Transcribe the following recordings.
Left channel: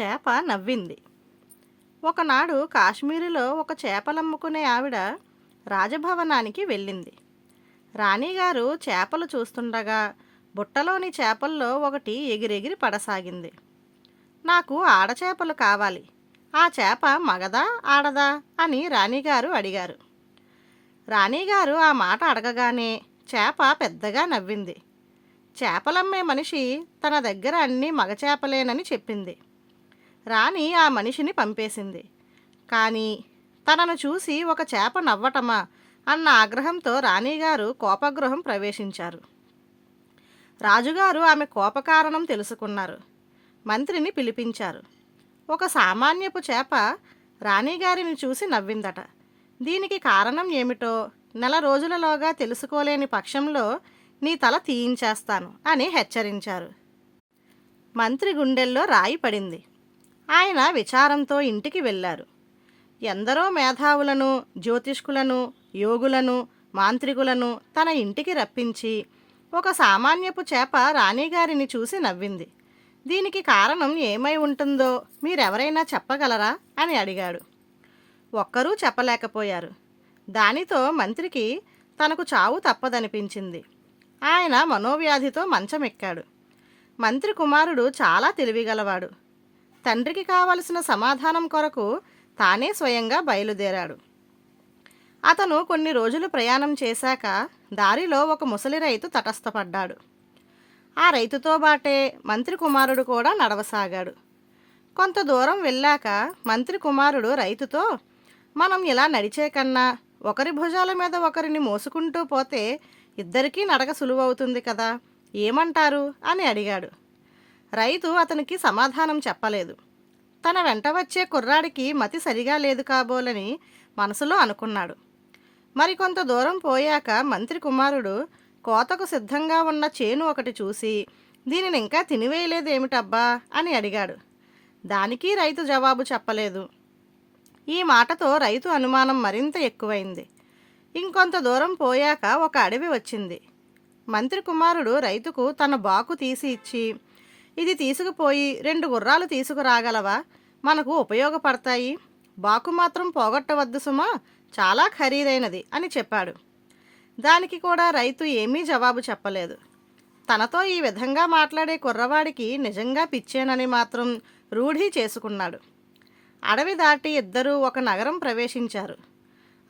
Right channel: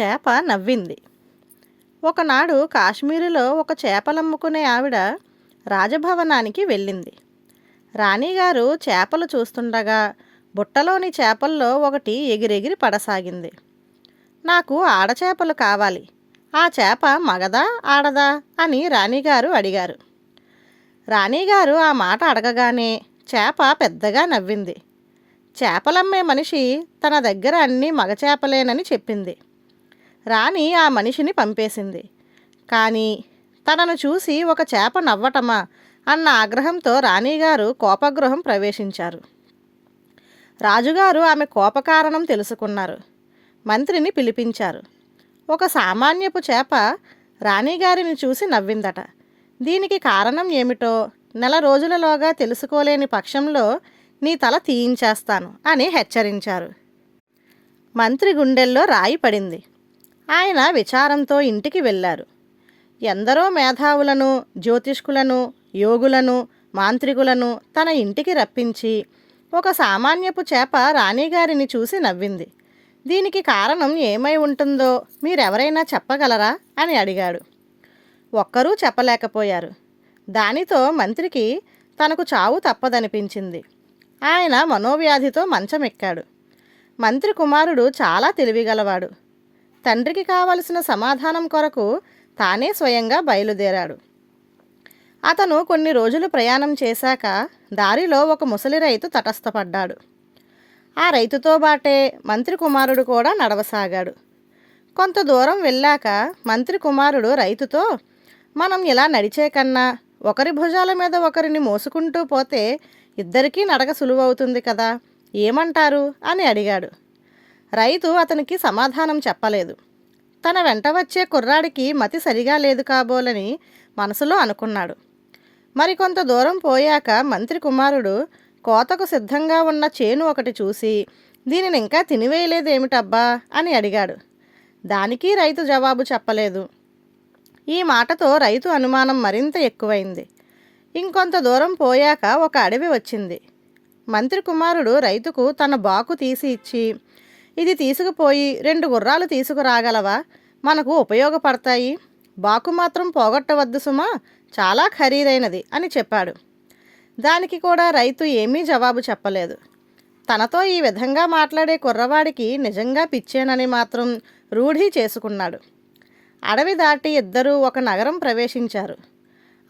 చేప నవ్వింది. ఒకనాడు కాశ్మీరులో ఒక చేపలమ్ముకునే ఆవిడ రాజభవనానికి వెళ్ళింది. రాణిగారు చేపలు చూస్తుండగా బుట్టలోని చేపల్లో ఒకటి ఎగిరెగిరి పడసాగింది. నాకు ఆడచేపలు కావాలి. ఆ చేప మగదా ఆడదా అని రాణిగారు అడిగారు. రాణిగారు ఆ మాట అడగగానే చేప పెద్దగా నవ్వింది. చేపలమ్మే మనిషి తన దగ్గర అన్నీ మగ చేపలేనని చెప్పింది. రాణి ఆ మనిషిని పంపేసింది. కానీ తనను చూసి ఒక చేప నవ్వటమా అన్న ఆగ్రహంతో రాణిగారు కోపగృహం ప్రవేశించారు. రాజుగారు ఆమె కోపకారణం తెలుసుకున్నారు. మంత్రిని పిలిపించారు. ఒక సామాన్యపు చేప రాణిగారిని చూసి నవ్విందట. దీనికి కారణం ఏమిటో నెల రోజులలోగా తెలుసుకోలేని పక్షంలో నీ తల తీయించేస్తాను అని హెచ్చరించారు. మంత్రి గుండెల్లో రాయి పడింది. ఆయన విచారంతో ఇంటికి వెళ్ళారు. ఎందరో మేధావులను జ్యోతిష్కులను యోగులను మాంత్రికులను తన ఇంటికి రప్పించి ఒక సామాన్యపు చేప రాణిగారిని చూసి నవ్వింది. దీనికి కారణం ఏమై ఉంటుందో మీరెవరైనా చెప్పగలరా? అని అడిగాడు. ఒక్కరూ చెప్పలేకపోయారు. దానితో మంత్రికి తనకు చావు తప్పదనిపించింది. ఆయన మనోవ్యాధితో మంచమెక్కాడు. మంత్రి కుమారుడు చాలా తెలివిగలవాడు. తండ్రికి కావలసిన సమాధానం కొరకు తానే స్వయంగా బయలుదేరాడు. అతను కొన్ని రోజులు ప్రయాణం చేశాక దారిలో ఒక ముసలి రైతు తటస్థపడ్డాడు. ఆ రైతుతో బాటే మంత్రి కుమారుడు కూడా నడవసాగాడు. కొంత దూరం వెళ్ళాక మంత్రి కుమారుడు రైతుతో మనం ఇలా నడిచే కన్నా ఒకరి భుజాల మీద ఒకరిని మోసుకుంటూ పోతే ఇద్దరికీ నడక సులువవుతుంది కదా ఏమంటారు? అని అడిగాడు. రైతు అతనికి సమాధానం చెప్పలేదు. తన వెంట వచ్చే కుర్రాడికి మతి సరిగా లేదు కాబోలని మనసులో అనుకున్నాడు. మరికొంత దూరం పోయాక మంత్రి కుమారుడు కోతకు సిద్ధంగా ఉన్న చేను ఒకటి చూసి దీనిని ఇంకా తినివేయలేదేమిటబ్బా? అని అడిగాడు. దానికి రైతు జవాబు చెప్పలేదు. ఈ మాటతో రైతు అనుమానం మరింత ఎక్కువైంది. ఇంకొంత దూరం పోయాక ఒక అడవి వచ్చింది. మంత్రి కుమారుడు రైతుకు తన బాకు తీసి ఇచ్చి ఇది తీసుకుపోయి రెండు గుర్రాలు తీసుకురాగలవా? మనకు ఉపయోగపడతాయి. బాకు మాత్రం పోగొట్టవద్దు సుమా. చాలా ఖరీదైనది అని చెప్పాడు. దానికి కూడా రైతు ఏమీ జవాబు చెప్పలేదు. తనతో ఈ విధంగా మాట్లాడే కుర్రవాడికి నిజంగా పిచ్చేనని మాత్రం రూఢీ చేసుకున్నాడు. అడవి దాటి ఇద్దరూ ఒక నగరం ప్రవేశించారు.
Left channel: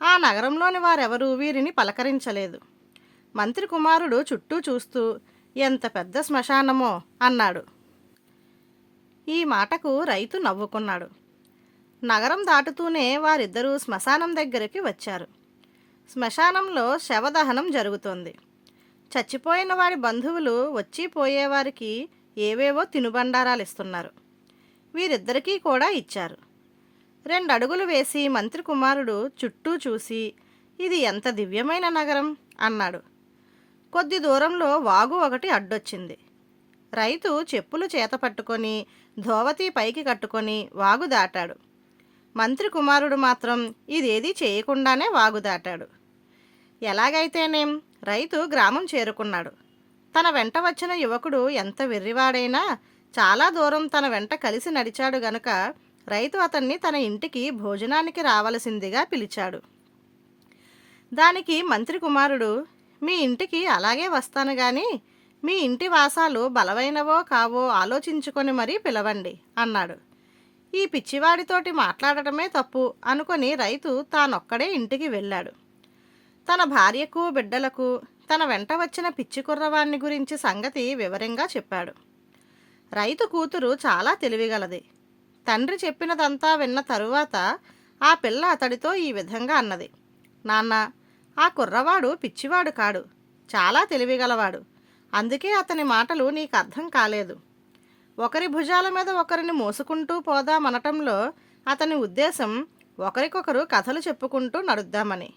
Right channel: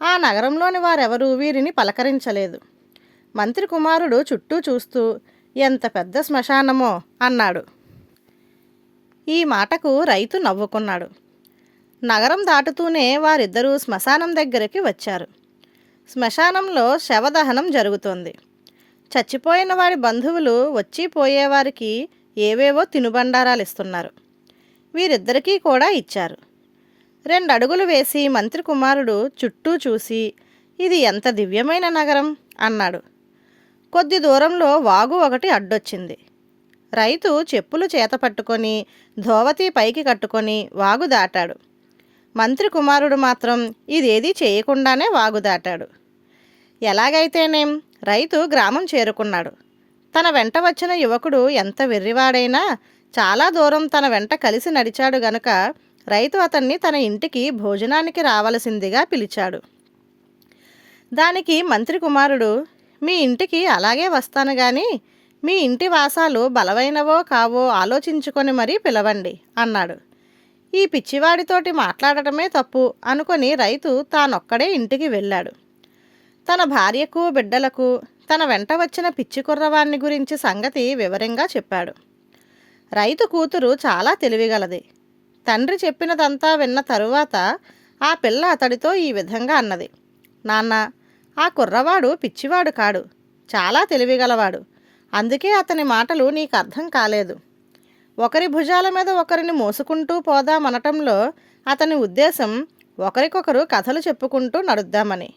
ఆ నగరంలోని వారెవరూ వీరిని పలకరించలేదు. మంత్రి కుమారుడు చుట్టూ చూస్తూ ఎంత పెద్ద శ్మశానమో అన్నాడు. ఈ మాటకు రైతు నవ్వుకున్నాడు. నగరం దాటుతూనే వారిద్దరూ శ్మశానం దగ్గరికి వచ్చారు. శ్మశానంలో శవదహనం జరుగుతోంది. చచ్చిపోయిన వారి బంధువులు వచ్చి పోయేవారికి ఏవేవో తినుబండారాలు ఇస్తున్నారు వీరిద్దరికీ కూడా ఇచ్చారు. రెండు అడుగులు వేసి మంత్రి కుమారుడు చుట్టూ చూసి ఇది ఎంత దివ్యమైన నగరం అన్నాడు. కొద్ది దూరంలో వాగు ఒకటి అడ్డొచ్చింది. రైతు చెప్పులు చేత పట్టుకొని ధోవతి పైకి కట్టుకొని వాగు దాటాడు. మంత్రి కుమారుడు మాత్రం ఇదేదీ చేయకుండానే వాగు దాటాడు. ఎలాగైతేనేం రైతు గ్రామం చేరుకున్నాడు. తన వెంట వచ్చిన యువకుడు ఎంత వెర్రివాడైనా చాలా దూరం తన వెంట కలిసి నడిచాడు గనుక రైతు అతన్ని తన ఇంటికి భోజనానికి రావలసిందిగా పిలిచాడు. దానికి మంత్రి కుమారుడు మీ ఇంటికి అలాగే వస్తాను గాని మీ ఇంటి వాసాలు బలమైనవో కావో ఆలోచించుకొని మరీ పిలవండి అన్నాడు. ఈ పిచ్చివాడితోటి మాట్లాడటమే తప్పు అనుకొని రైతు తానొక్కడే ఇంటికి వెళ్ళాడు. తన భార్యకు బిడ్డలకు తన వెంట వచ్చిన పిచ్చి కుర్రవాణ్ణి గురించి సంగతి వివరంగా చెప్పాడు. రైతు కూతురు చాలా తెలివిగలది. తండ్రి చెప్పినదంతా విన్న తరువాత ఆ పిల్ల అతడితో ఈ విధంగా అన్నది. నాన్న ఆ కుర్రవాడు పిచ్చివాడు కాడు. చాలా తెలివిగలవాడు. అందుకే అతని మాటలు నీకు అర్థం కాలేదు. ఒకరి భుజాల మీద ఒకరిని మోసుకుంటూ పోదామనటంలో అతని ఉద్దేశం ఒకరికొకరు కథలు చెప్పుకుంటూ నడుద్దామని.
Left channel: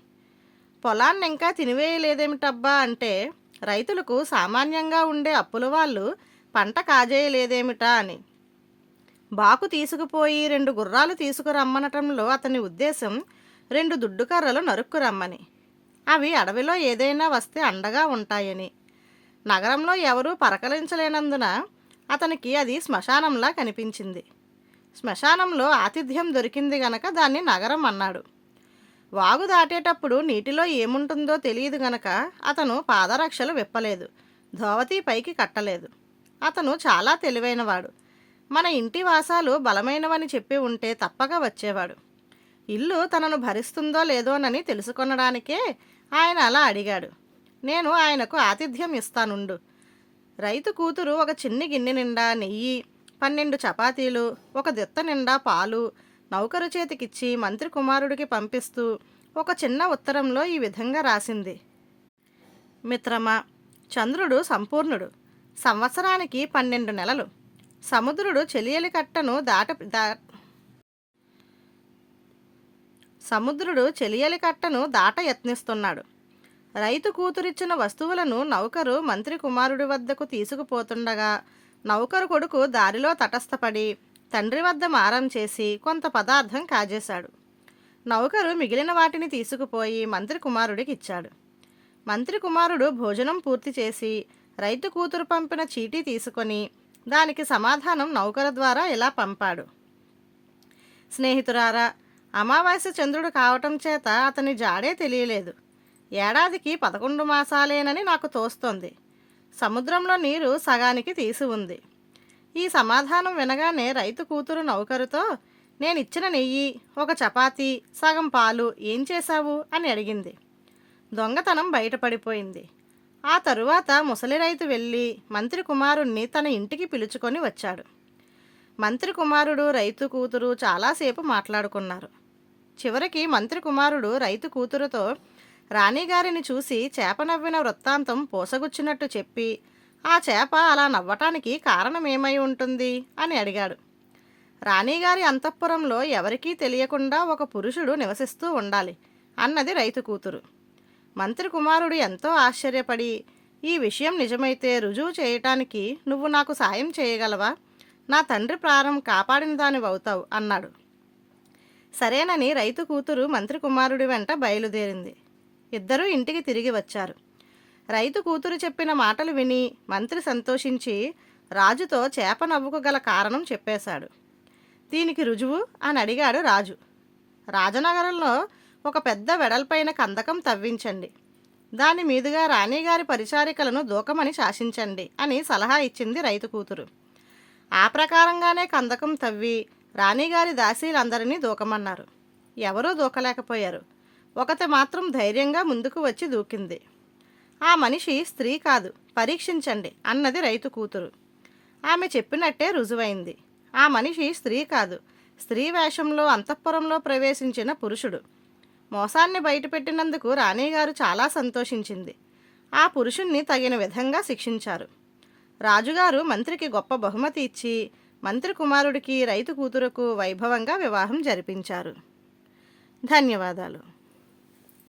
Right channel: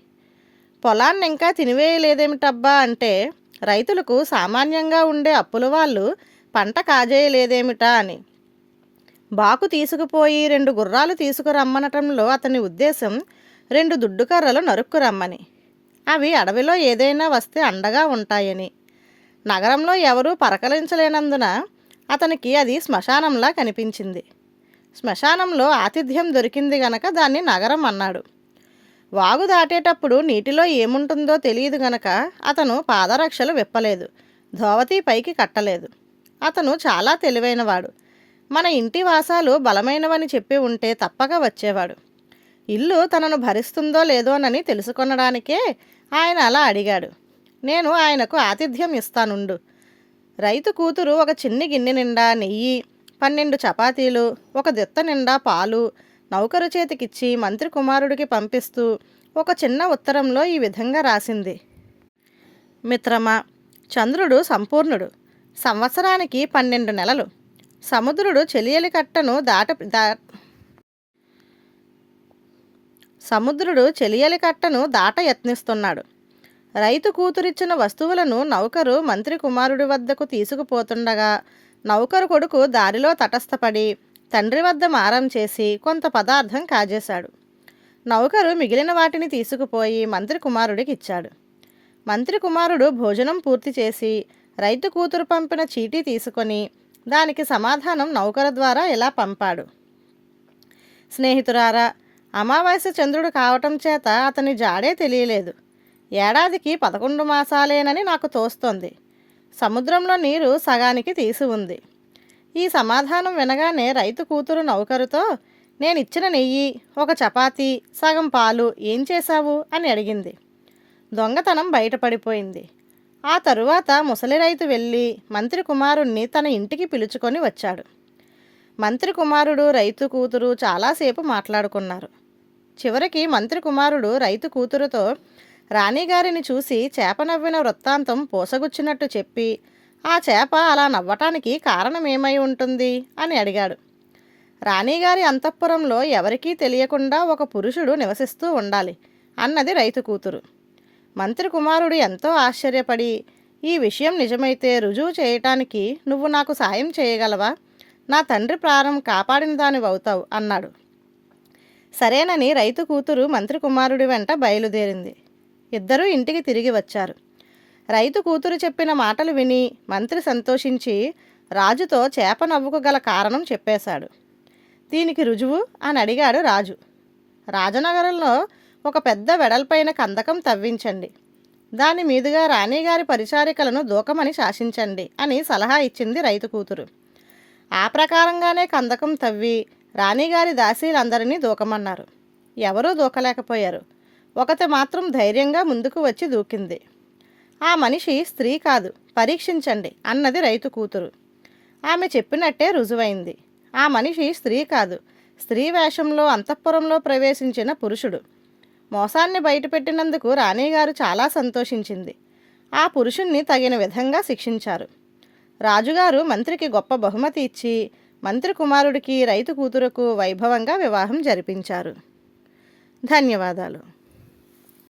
పొలాన్ని ఇంకా తినివేయలేదేమిటబ్బా అంటే రైతులకు సామాన్యంగా ఉండే అప్పుల వాళ్ళు పంట కాజేయలేదేమిటా అని. బాకు తీసుకుపోయి రెండు గుర్రాలు తీసుకురమ్మనటంలో అతని ఉద్దేశం రెండు దుడ్డుకర్రలు నరుక్కు రమ్మని అవి అడవిలో ఏదైనా వస్తే అండగా ఉంటాయని. నగరంలో ఎవరూ పరకలించలేనందున అతనికి అది శ్మశానంలా కనిపించింది. శ్మశానంలో ఆతిథ్యం దొరికింది గనక దాన్ని నగరం అన్నాడు. వాగు దాటేటప్పుడు నీటిలో ఏముంటుందో తెలియదు గనక అతను పాదరక్షలు విప్పలేదు. ధోవతి పైకి కట్టలేదు. అతను చాలా తెలివైనవాడు. మన ఇంటి వాసాలు బలమైనవని చెప్పి ఉంటే తప్పక వచ్చేవాడు. ఇల్లు తనను భరిస్తుందో లేదోనని తెలుసుకొనడానికే ఆయన అలా అడిగాడు. నేను ఆయనకు ఆతిథ్యం ఇస్తానుండు. రైతు కూతురు ఒక చిన్ని గిన్నె నిండా నెయ్యి పన్నెండు చపాతీలు ఒక దిత్త నిండా పాలు నౌకరు చేతికిచ్చి మంత్రి కుమారుడికి పంపిస్తూ ఒక చిన్న ఉత్తరంలో ఈ విధంగా రాసింది. మిత్రమా చంద్రుడు సంపూర్ణుడు. సంవత్సరానికి పన్నెండు నెలలు. సముద్రుడు చెలియలి కట్టను దాట దా సముద్రుడు చెలియలి కట్టను దాట యత్నిస్తున్నాడు. రైతు కూతురిచ్చిన వస్తువులను నౌకరు మంత్రి కుమారుడి వద్దకు తీసుకుపోతుండగా నౌకరు కొడుకు దారిలో తటస్థపడి తండ్రి వద్ద మారం చేసి కొంత పదార్థం కాజేశాడు. నౌకరు మిగిలిన వాటిని తీసుకుపోయి మంత్రి కుమారుడికి ఇచ్చాడు. మంత్రి కుమారుడు భోజనం పూర్తి చేసి రైతు కూతురు పంపిన చీటీ తీసుకొని దానికి సమాధానం నౌకరు ద్వారా ఇలా పంపాడు? స్నేహితురారా అమావాస్య చంద్రుడు కావటం చేత అతని జాడే తెలియలేదు. ఏడాదికి పదకొండు మాసాలేనని నాకు తోస్తోంది. సముద్రంలో నీరు సగానికి తీసి ఉంది. ఈ సమాధానం వినగానే రైతు కూతురు నౌకరుతో నేను ఇచ్చిన నెయ్యి ఒక చపాతీ సగం పాలు ఏం చేశావు? అని అడిగింది. దొంగతనం బయటపడిపోయింది. ఆ తరువాత ముసలి రైతు వెళ్ళి మంత్రి కుమారుణ్ణి తన ఇంటికి పిలుచుకొని వచ్చాడు. మంత్రి కుమారుడు రైతు కూతురు చాలాసేపు మాట్లాడుకున్నారు. చివరికి మంత్రి కుమారుడు రైతు కూతురుతో రాణిగారిని చూసి చేప నవ్విన వృత్తాంతం పోసగుచ్చినట్టు చెప్పి ఆ చేప అలా నవ్వటానికి కారణం ఏమై ఉంటుంది? అని అడిగాడు. రాణిగారి అంతఃపురంలో ఎవరికీ తెలియకుండా ఒక పురుషుడు నివసిస్తూ ఉండాలి అన్నది రైతు కూతురు. మంత్రి కుమారుడు ఎంతో ఆశ్చర్యపడి ఈ విషయం నిజమైతే రుజువు చేయటానికి నువ్వు నాకు సాయం చేయగలవా? నా తండ్రి ప్రాణం కాపాడిన దానివవుతావు అన్నాడు. సరేనని రైతు కూతురు మంత్రి కుమారుడి వెంట బయలుదేరింది. ఇద్దరూ ఇంటికి తిరిగి వచ్చారు. రైతు కూతురు చెప్పిన మాటలు విని మంత్రి సంతోషించి రాజుతో చేప నవ్వుకు గల కారణం చెప్పేశాడు. దీనికి రుజువు? అని అడిగాడు రాజు. రాజనగరంలో ఒక పెద్ద వెడల్పైన కందకం తవ్వించండి. దాని మీదుగా రాణిగారి పరిచారికలను దూకమని శాసించండి అని సలహా ఇచ్చింది రైతు కూతురు. ఆ ప్రకారంగానే కందకం తవ్వి రాణిగారి దాసీలందరినీ దూకమన్నారు. ఎవరూ దూకలేకపోయారు. ఒకటి మాత్రం ధైర్యంగా ముందుకు వచ్చి దూకింది. ఆ మనిషి స్త్రీ కాదు పరీక్షించండి అన్నది రైతు కూతురు. ఆమె చెప్పినట్టే రుజువైంది. ఆ మనిషి స్త్రీ కాదు స్త్రీ వేషంలో అంతఃపురంలో ప్రవేశించిన పురుషుడు. మోసాన్ని బయటపెట్టినందుకు రాణిగారు చాలా సంతోషించింది. ఆ పురుషుణ్ణి తగిన విధంగా శిక్షించారు. రాజుగారు మంత్రికి గొప్ప బహుమతి ఇచ్చి మంత్రి కుమారుడికి రైతు కూతురుకు వైభవంగా వివాహం జరిపించారు. ధన్యవాదాలు.